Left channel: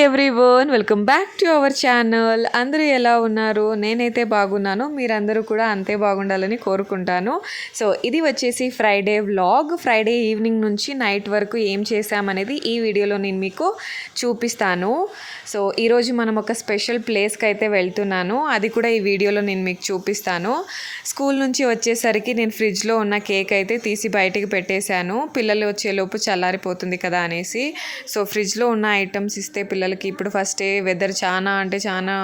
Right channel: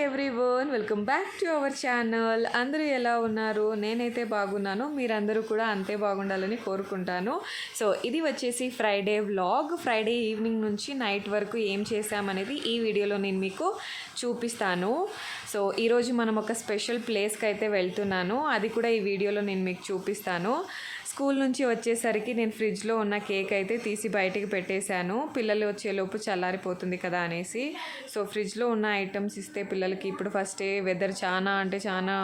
Everyone, welcome back to our channel. అందరూ ఎలా ఉన్నారు? నేనైతే బాగున్నాను, మీరందరూ కూడా అంతే బాగుండాలని కోరుకుంటాను. సో ఇది వచ్చేసి ఫ్రైడే వ్లాగ్. ఫ్రైడే ఈవినింగ్ నుంచి నైట్ వరకు ఏం చేశామనేది ఈ వీడియోలో నేను మీకు చూపిస్తాను. సో ఈరోజు మనం ఒక స్పెషల్ ప్లేస్కి అయితే వెళ్తున్నాను, అది కూడా ఈ వీడియోలో నేను మీకు చూపిస్తాను. స్కూల్ నుంచి వచ్చేసరికి నేను ఫ్రిడ్జ్లో ఉన్న కేక్ అయితే తీసి బయటికి పెట్టేశాను, పిల్లలు వచ్చేలోపు చల్లారిపోతుంది కదా అనేసి. సో ఫ్రిడ్జ్లో ఉన్న ఐటమ్స్ ఇస్తే పిల్లలకి ఇప్పుడు ఫస్టే వెదర్ చాలా అంటే చాలా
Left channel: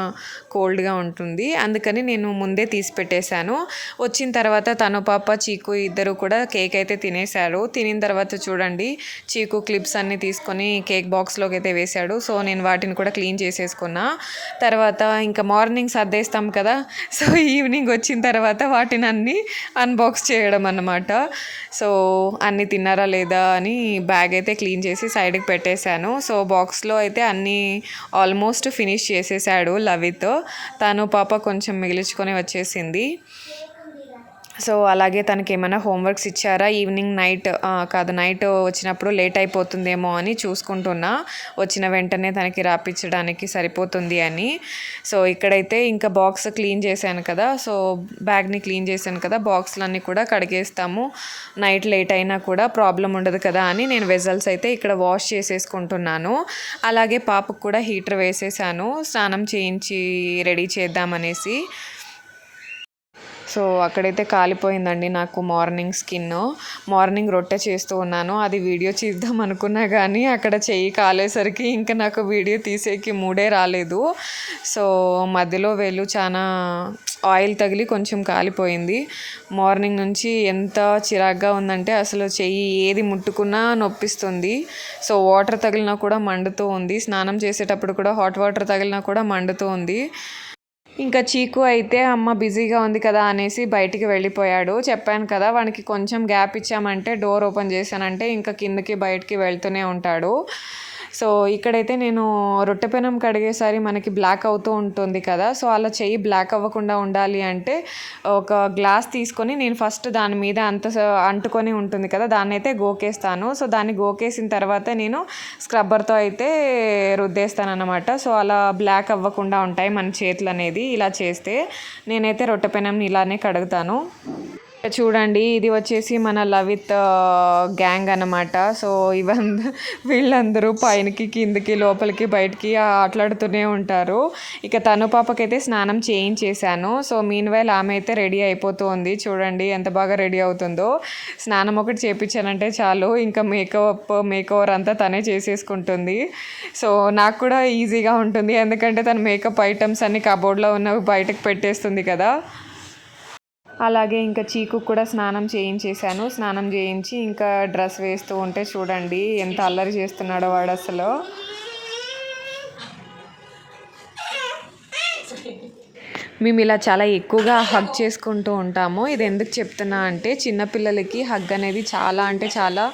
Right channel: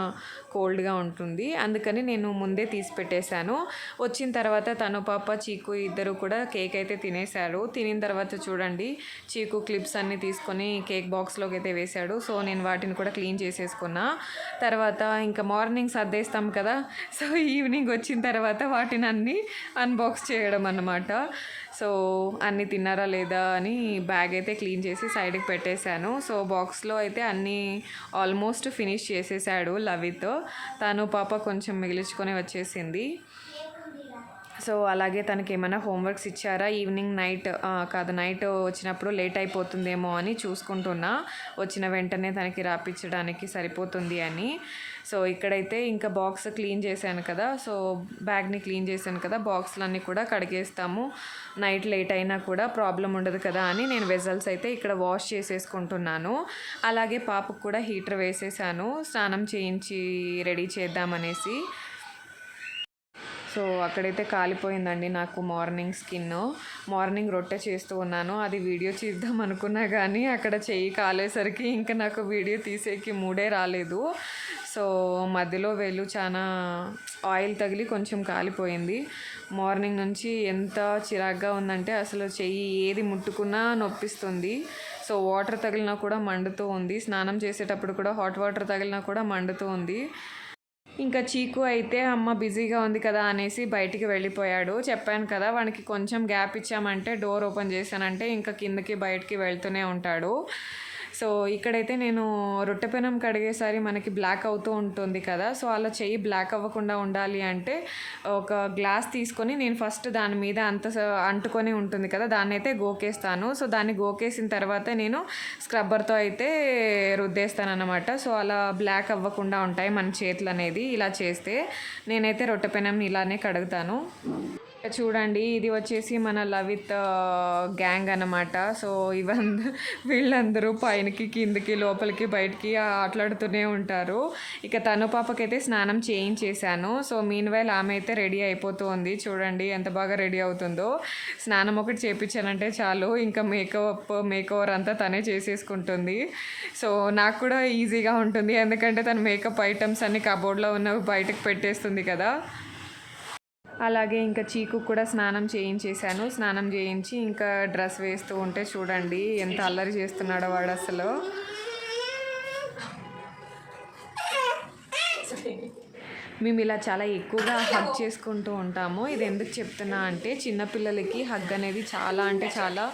కోల్డ్గా ఉంటుంది, అందుకని నేను ముందే తీసి పెట్టేశాను. వచ్చిన తర్వాత తను పాప చీకు ఇద్దరు కూడా కేక్ అయితే తినేశారు. తినిన తర్వాత చూడండి, చీకు క్లిప్స్ అన్నీ తీసుకొని కేక్ బాక్స్లోకి అయితే వేశాడు. సో నేను వాటిని కూడా క్లీన్ చేసేసుకున్నా. తర్వాత ఇంకా మార్నింగ్ సర్దేస్తాం కదా, సో ఈవినింగ్ వచ్చిన తర్వాత వాటిని అన్నీ అన్బాక్స్ చేయడం అన్నమాట. సో అన్నీ తిన్నారా లేదా అని బ్యాగ్ అయితే క్లీన్ చేసి సైడ్కి పెట్టేశాను. సో బాక్స్లో అయితే అన్నీ ఆల్మోస్ట్ ఫినిష్ చేసేసాడు లవిత్. తను పాప కొంచెం మిగిలించుకొని వచ్చేసింది. సో అలాగే తనకి ఏమైనా హోంవర్క్స్ ఇచ్చారా, ఈవినింగ్ నైట్ వచ్చినప్పుడు లేట్ అయిపోతుందేమో అని చూసుకుంటున్నా, వచ్చిన వెంటనే తనకి రాపించడానికి సరిపోతుంది అని. సో ఇక్కడైతే ఇంకా బాక్స్ క్లీన్ చేశాను కదా, సో బ్యాగ్ని క్లీన్ చేశాను కదా, బాక్స్లన్నీ కూడా కడిగేస్తాము, నైట్ లేట్ అయినా కూడా ప్రాబ్లం ఉండదు కదా అని నేను వెజల్స్ అయితే ఇక్కడ వాష్ చేసేసుకుంటున్నాను. అలాగే పాపకు కూడా హీటర్ వేసేసాను, స్నానం చేయించి రెడీ చేద్దామనేసి. సో అక్కడైతే కాలిపోయిందండి నాకు మార్నింగ్ రొట్టె చేస్తూ ఉన్నాను, అది వీడియో చేద్దాం అనుకున్నా కానీ అక్కడ చెయ్యి కాలేసరికి ఇంకా నాకు వీడియో తీసేకి మూడే రాలేదు. సో మధ్యలో వేలు చాలా ఆయిల్ తగిలి కొంచెం కాలిపోయింది. మార్నింగ్ నుంచి ఎంత చిరాగ్గా ఉందంటే అసలు చెయ్యి ఏది ముట్టుకున్నా నొప్పిస్తుంది. సో వాటర్ తగిలినా కూడా మండుతూ ఉంది, స్నానం చేసేటప్పుడు కూడా హాట్ వాటర్ తగిలినా కూడా మండుతూ ఉంది. ఇంకా చీకు అయితే అమ్మ బిజీగా ఉంది కదా అనేసి బయటికి వెళ్ళిపోయాడు. చెప్పాను కదా, వానికి కొంచెం గ్యాప్ ఇచ్చామంటే, డోర్ ఓపెన్ చేశానంటే ఇంకా కిందకి బయటికి వెళ్తూనే ఉంటాడు. సో ఇక్కడైతే నేను రొట్టె పెనం కడిగేసరి మనకి బ్లాక్ అవుతూ ఉంటుంది కదా, సో అలా చెయ్యి బ్లాక్ అవ్వకుండా ఉండాలి అంటే ఒక గ్లాస్ తీసుకొని నేను ఫస్ట్ దాని మీద అంటుకొని ఉంటుంది కదా, దాన్ని అయితే గోకేస్తాను. సో దాన్ని గోకేసిన తర్వాత నేను స్క్రబ్బర్తో అయితే రుద్దేస్తాను అన్నమాట. సో అలా బ్లాక్ అవ్వకుండా ఉంటాయి మన చేతులు అనేది ఇలా చేస్తే. నేనైతే రొట్టె పెనంని ఇలానే కడుగుతాను. చూడండి, ఇది వచ్చేసి మన లవిత్ గ్యాంగ్ అన్నమాట. సో వీళ్ళందరూ పైనకి కిందకి లోపలికి బయటికి ఆటలాడుతూనే ఉంటారు. ఇక తను పాపకైతే స్నానం చేయించేశాను. సో మీన్వైల్ ఆమె అయితే రెడీ అయిపోతుంది. చూడండి ఎంత బాగా రెడీ అవుతుందో. స్నానం ఒకటి చేయించానంటే చాలు, ఇంకా మేకవర్ అంతా తనే చేసేసుకుంటుంది. సో నాకు కూడా ఈజీగా ఉంటుంది, ఎందుకంటే తన మేకప్ ఐటమ్స్ అన్ని కబోర్డ్లో ఉన్నవి బయటకు పెట్టేస్తుంది కదా. అలాగే ఇంకా చీకు కూడా స్నానం చేయించేశాను. స్నానం చేయించి ఇంకా డ్రెస్ వేస్తూ ఉంటే చూడండి ఎంత అల్లరి చేస్తున్నాడో వాడు అసలు. మేము ఇలా చాలా ఎక్కువగా హగ్ చేసుకుంటూ ఉంటాము. ఇది ఎందుకు చెప్తున్నా అంటే, చిన్నపిల్లలకి హగ్ అనేది చాలా అంటే చాలా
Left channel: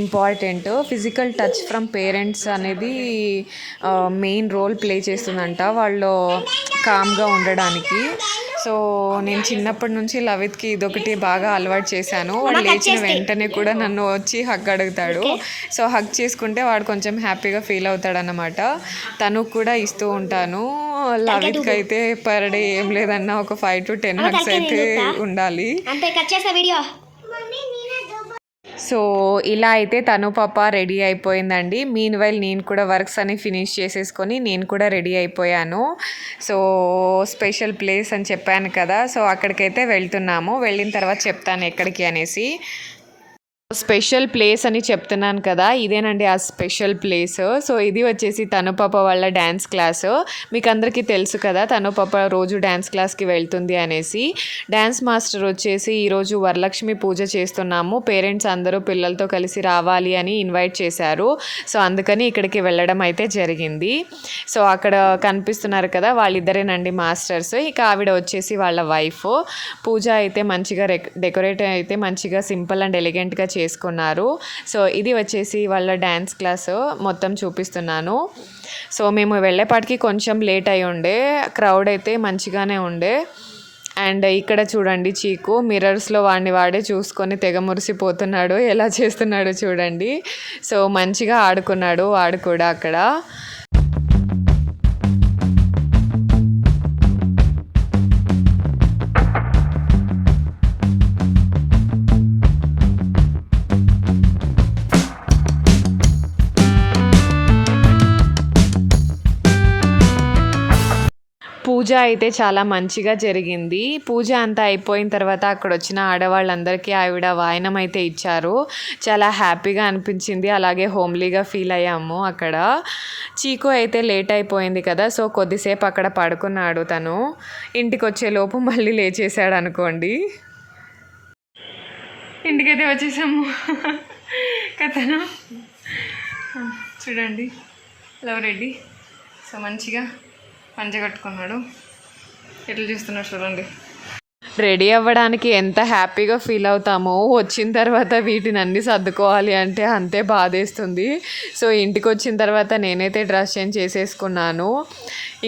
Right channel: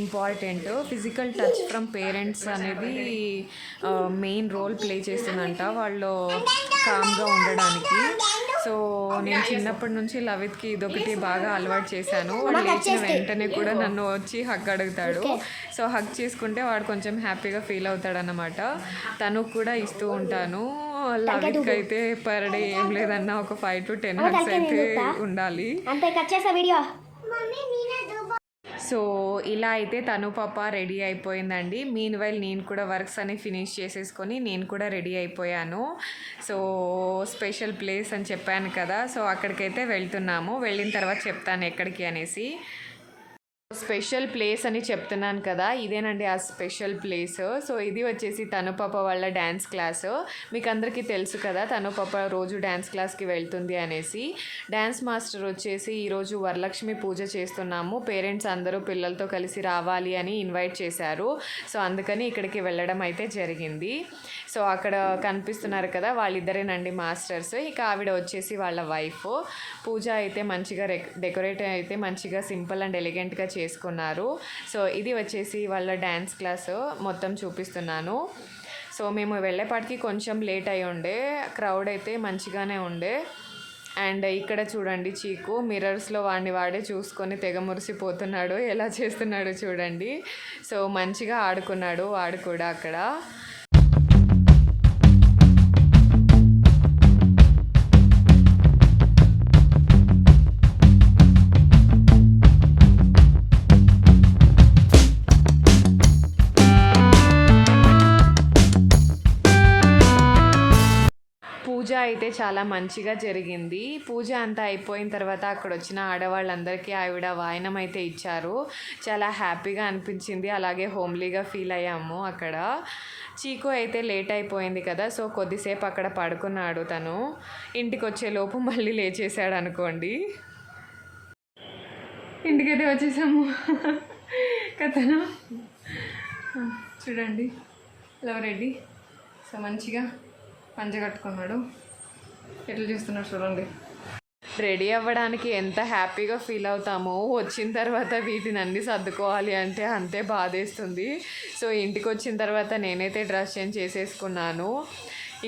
important. Physical touch from parents అనేది మెయిన్ రోల్ ప్లే చేస్తుందంట వాళ్ళు కామ్గా ఉండడానికి. సో నేను చిన్నప్పటి నుంచి లవిత్కి ఇదొకటి బాగా అలవాటు చేశాను. వాడు లేచిన వెంటనే కూడా నన్ను వచ్చి హగ్ అడుగుతాడు. సో హగ్ చేసుకుంటే వాడు కొంచెం హ్యాపీగా ఫీల్ అవుతాడు అన్నమాట. తను కూడా ఇస్తూ ఉంటాను. లవిత్కి అయితే పర్ డే ఏం లేదన్నా ఒక 5 to 10 హగ్స్ అయితే ఉండాలి. సో ఇలా అయితే తను పాప రెడీ అయిపోయిందండి. మీన్వైల్ నేను కూడా వర్క్స్ అన్ని ఫినిష్ చేసేసుకొని నేను కూడా రెడీ అయిపోయాను. సో స్పెషల్ ప్లేస్ అని చెప్పాను కదా, సో అక్కడికైతే వెళ్తున్నాము. వెళ్ళిన తర్వాత చెప్తాను ఎక్కడికి అనేసి. స్పెషల్ ప్లేస్ అని చెప్తున్నాను కదా, ఇదేనండి ఆ స్పెషల్ ప్లేస్. సో ఇది వచ్చేసి తను పాప వాళ్ళ డ్యాన్స్ క్లాస్. మీకు అందరికీ తెలుసు కదా, తను పాప రోజు డ్యాన్స్ క్లాస్కి వెళ్తుంది అనేసి. డ్యాన్స్ మాస్టర్ వచ్చేసి ఈరోజు వరలక్ష్మి పూజ చేస్తున్నాము, పేరెంట్స్ అందరూ పిల్లలతో కలిసి రావాలి అని ఇన్వైట్ చేశారు. సో అందుకని ఇక్కడికి వెళ్ళడం అయితే జరిగింది. సో అక్కడ కనిపిస్తున్నారు కదా, వాళ్ళిద్దరేనండి మాస్టర్స్. ఇక ఆవిడ వచ్చేసి వాళ్ళ వైఫ్. పూజ అయితే మంచిగా డెకరేట్ అయితే మంచిగా సింపుల్ అండ్ ఎలిగెంట్గా చేసుకున్నారు. సో ఇది వచ్చేసి వాళ్ళ డ్యాన్స్ క్లాస్ మొత్తం చూపిస్తున్నాను. సో మేము వెళ్ళేపాటికి కొంచెం లేట్ అయి ఉండే, క్రౌడ్ అయితే మంచిగానే ఉండే. అండ్ ఇక్కడ చూడండి, చీకు మిర్రర్స్లో వాడే చూసుకొని తెగ మురిసిపోతున్నాడు, ఎలా చేస్తున్నాడు చూడండి. సో మంచిగా ఆడుకున్నాడు వాడు కూడా అక్కడ. పూజ అయితే చాలా మంచిగా జరిగింది. పూజ అంతా అయిపోయిన తర్వాత అక్కడ వచ్చిన ఆడవాళ్ళందరికీ ఆవిడ వాయనం అయితే ఇచ్చారు. చాలా హ్యాపీగా అనిపించింది. అలాగే హోమ్లీగా ఫీల్ అయ్యాము అక్కడ. చీకు అయితే లేట్ అయిపోయింది కదా, సో కొద్దిసేపు అక్కడ పడుకున్నాడు తను. ఇంటికి వచ్చేలోపు మళ్ళీ లేచేసాడు అనుకోండి. ఇంటికైతే వచ్చేసాము కథను చూడండి. లవ్ రెడ్డి సో మంచిగా పంచ కట్టుకున్నాడు. ఎట్లా చూస్తున్నాడు చూడండి. రెడీ అవ్వడానికి ఎంత హ్యాపీగా ఫీల్ అవుతామో వచ్చిన తర్వాత వీటిని అన్నీ సర్దుకోవాలి అంటే అంతే బాధేస్తుంది. సో ఇంటికి వచ్చిన తర్వాత నేనైతే డ్రెస్ చేంజ్ చేసేసుకున్నాను.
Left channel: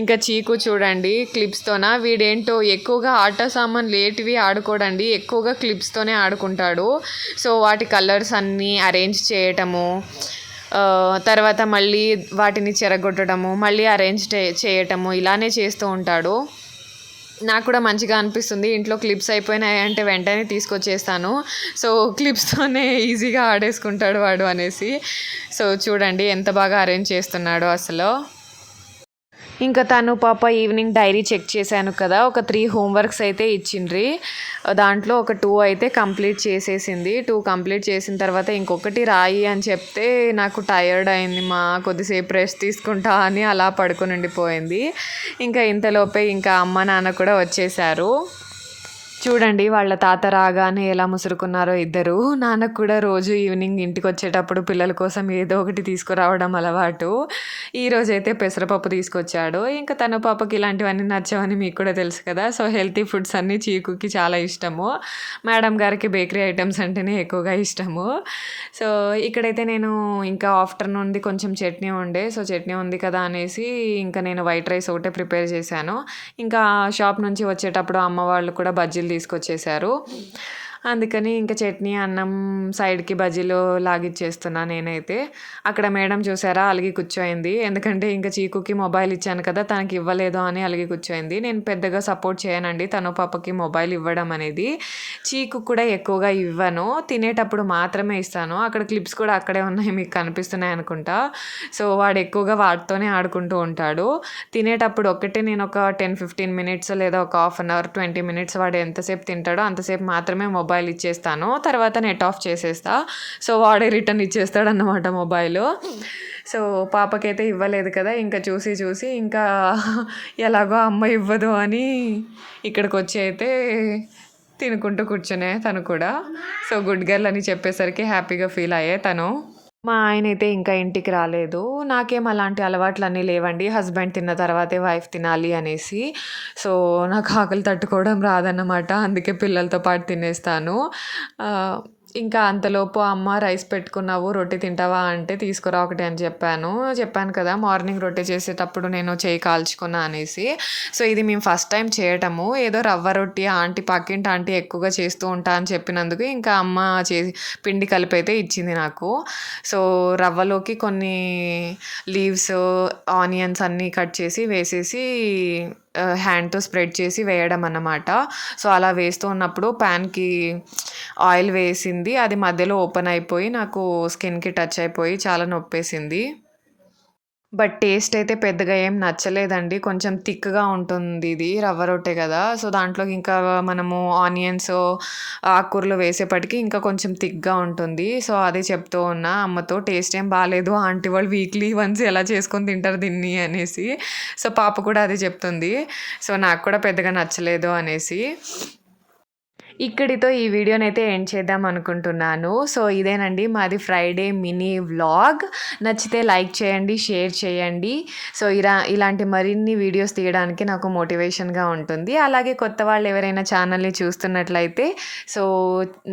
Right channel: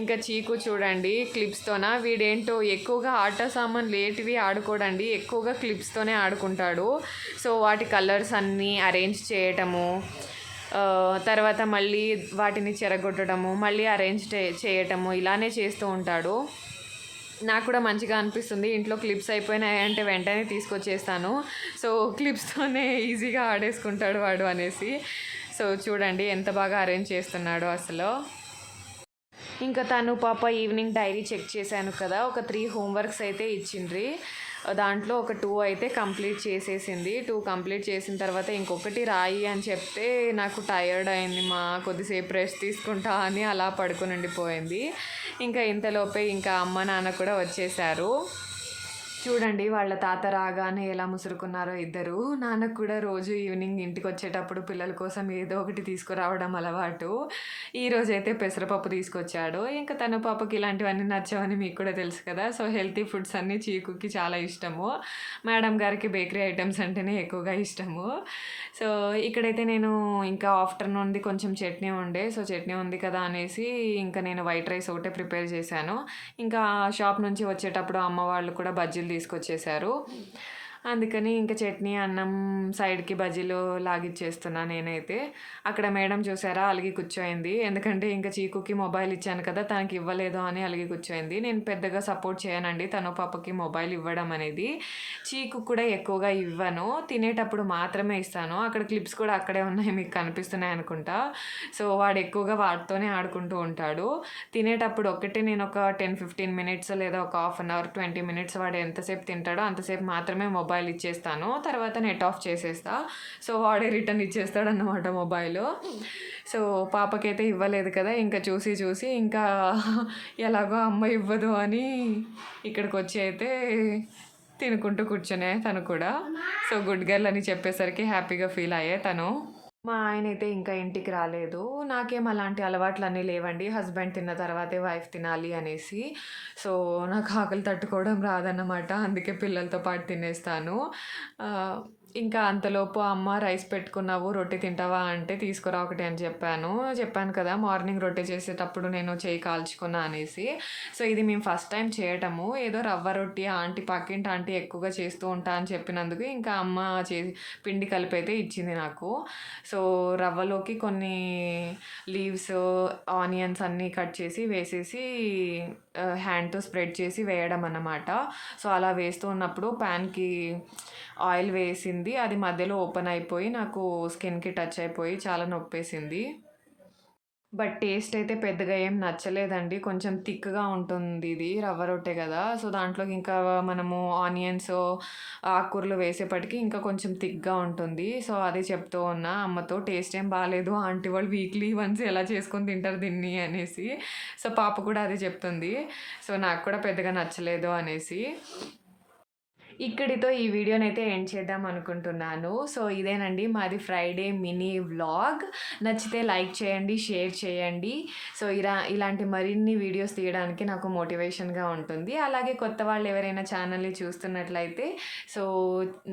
ఇంకా చీకు చూడండి క్లిప్స్తోన వీడేంటో ఎక్కువగా ఆట సామాన్ లేటివి ఆడుకోడండి, ఎక్కువగా క్లిప్స్తోనే ఆడుకుంటాడు. సో వాటి కలర్స్ అన్నీ అరేంజ్ చేయటము, తర్వాత మళ్ళీ వాటిని చెరగొట్టడము, మళ్ళీ అరేంజ్ చేయటము ఇలానే చేస్తూ ఉంటాడు. నాకు కూడా మంచిగా అనిపిస్తుంది. ఇంట్లో క్లిప్స్ అయిపోయినాయి అంటే వెంటనే తీసుకొచ్చేస్తాను. సో క్లిప్స్తోనే ఈజీగా ఆడేసుకుంటాడు వాడు అనేసి. సో చూడండి ఎంత బాగా అరేంజ్ చేస్తున్నాడో అసలు. ఇంకా తను పాప ఈవినింగ్ డైరీ చెక్ చేశాను కదా, ఒక 3 హోంవర్క్స్ అయితే ఇచ్చిండ్రి. దాంట్లో ఒక 2 అయితే కంప్లీట్ చేసేసింది. 2 కంప్లీట్ చేసిన తర్వాత ఇంకొకటి రాయి అని చెప్తే నాకు టయర్డ్ అయింది మా, కొద్దిసేపు రెస్ట్ తీసుకుంటా అని అలా పడుకుని ఉండిపోయింది. ఇంకా ఇంతలోపే ఇంకా అమ్మ నాన్న కూడా వచ్చేసారు. చూడండి వాళ్ళ తాత రాగానే ఎలా ముసురుకున్నారో ఇద్దరు. నాన్నకు కూడా రోజు ఈవినింగ్ ఇంటికి వచ్చేటప్పుడు పిల్లల కోసం ఏదో ఒకటి తీసుకురావడం అలవాటు. ఈరోజైతే పెసరపప్పు తీసుకొచ్చాడు. ఇంకా తన పాపకి ఇలాంటివన్నీ నచ్చవని మీకు కూడా తెలుసు కదా. సో హెల్తీ ఫుడ్స్ అన్నీ చీకుకి చాలా ఇష్టము. మేడం గారికి బేకరీ ఐటమ్స్ అంటేనే ఎక్కువగా ఇష్టము. సో ఇక్కడైతే నేను ఇంకా ఆఫ్టర్నూన్ది కొంచెం చట్నీ ఉండే, సో చట్నీ ఉంది కదా అనేసి ఇంకా నేను వైట్ రైస్ ఒకటే ప్రిపేర్ చేశాను. ఇంకా షాప్ నుంచి వచ్చేటప్పుడు అమ్మ వాళ్ళు కూడా బజ్జీలు తీసుకొచ్చేసారు. అందుకని ఇంకా చట్నీ అన్నం సైడ్కి బజ్జీలు లాగిచ్చేస్తున్నా నేనైతే. అక్కడ మేడం చూసారా అలిగి కూర్చోయింది. ఎందుకంటే ఇంకా చీకుకి మొబైల్ ఇచ్చాను కదా, తనకి ఇవ్వలేదు అని అలిగి కూర్చోయింది. నేను పెద్దగా సపోర్ట్ చేయనండి తను పాపకి మొబైల్ ఇవ్వడం అనేది. చీకు కూడా ఎక్కువగా ఇవ్వను, తినేటప్పుడు మాత్రమే ఇస్తాను. అక్కడ క్లిప్స్ కూడా అక్కడే ఉన్నాయి, మీకు కనిపిస్తున్నాయి అనుకుంటా. సో వాడు ఎక్కువగా వాటితోనే ఆడుకుంటూ ఉంటాడు. తినేటప్పుడు ఒక్కటే నేను ఒక 10-15 మినిట్స్ లేదా ఒక హాఫ్ అన్ అవర్ 20 మినిట్స్ వాడు ఎంతసేపు తింటాడో అంతసేపు మాత్రమే మొబైల్ ఇచ్చేస్తాను. తర్వాత నెట్ ఆఫ్ చేసేస్తా. సో వాడే రిటర్న్ ఇచ్చేస్తాడు అన్నమాట మొబైల్. సో పాపకైతే ఇవ్వలేదు కదా, ఇంకా చూసి ఇంకా ఎలాగో అమ్మ ఇవ్వదు అని ఇక్కడికి వచ్చి అయితే తినుకుంటూ కూర్చునే తను కూడా. సో గుడ్ గర్ల్ అని చెప్పేసరికి హ్యాపీగా ఫీల్ అయ్యే తను. మా ఆయన అయితే ఇంకా ఇంటికి రాలేదు. నాకేం అలాంటి అలవాట్లన్నీ లేవండి, హస్బెండ్ తిన్న తర్వాతే వైఫ్ తినాలి అనేసి. సో నాకు ఆకలి తట్టుకోవడం రాదన్నమాట, అందుకే పిల్లలతో పాటు తినేస్తాను. ఇంకా అంతలోపు అమ్మ రైస్ పెట్టుకున్నావు రొట్టె తింటావా అంటే తీసుకురా ఒకటి అని చెప్పాను కదా మార్నింగ్ రొట్టె చేసేటప్పుడు నేను చేయి కాల్చుకున్నా అనేసి. సో ఇది మేము ఫస్ట్ టైం చేయటము. ఏదో రవ్వ రొట్టి పక్కింటి ఆంటీ ఎక్కువగా చేస్తూ ఉంటా అని చెప్పినందుకు ఇంకా అమ్మ పిండి కలిపి అయితే ఇచ్చింది నాకు. సో రవ్వలోకి కొన్ని లీవ్స్, ఆనియన్స్ అన్నీ కట్ చేసి వేసేసి హ్యాండ్తో స్ప్రెడ్ చేసి వేయడం అన్నమాట. సో అలా వేస్తూ ఉన్నప్పుడు ప్యాన్కి ఆయిల్ వేసింది, అది మధ్యలో ఓపెన్ అయిపోయి నాకు స్కిన్కి టచ్ అయిపోయి చాలా నొప్పేసింది. బట్ టేస్ట్ అయితే పెద్దగా ఏం నచ్చలేదండి. కొంచెం థిక్‌గా ఉంటుంది ఇది, రవ్వ రొట్టె కదా. సో దాంట్లోకి ఇంకా మనము ఆనియన్స్, ఆకుకూరలు వేసేపటికి ఇంకా కొంచెం థిక్‌గా ఉంటుంది. సో అదే చెప్తూ ఉన్నా అమ్మతో, టేస్ట్ ఏం బాలేదు ఆంటీ వాళ్ళు వీక్లీ వన్స్ ఎలా చేసుకొని తింటారు దీన్ని అనేసి. సో పాప కూడా అదే చెప్తుంది. సో నాకు కూడా పెద్దగా నచ్చలేదు అనేసి. ఇక్కడితో ఈ వీడియోనైతే ఎండ్ చేద్దాం అనుకుంటున్నాను. సో ఇదేనండి మాది ఫ్రైడే మినీ వ్లాగ్. నచ్చితే లైక్ చేయండి, షేర్ చేయండి. సో ఇలాంటి మరిన్ని వీడియోస్ తీయడానికి నాకు మోటివేషన్గా ఉంటుంది. అలాగే కొత్త వాళ్ళు ఎవరైనా ఛానల్ని చూస్తున్నట్లయితే సో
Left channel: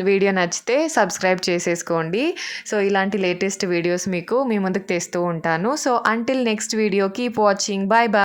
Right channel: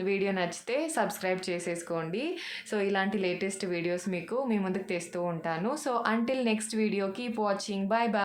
వీడియో నచ్చితే సబ్స్క్రైబ్ చేసేసుకోండి. సో ఇలాంటి లేటెస్ట్ వీడియోస్ మీకు మీ ముందుకు తెస్తూ ఉంటాను. So until next video, keep watching. Bye bye.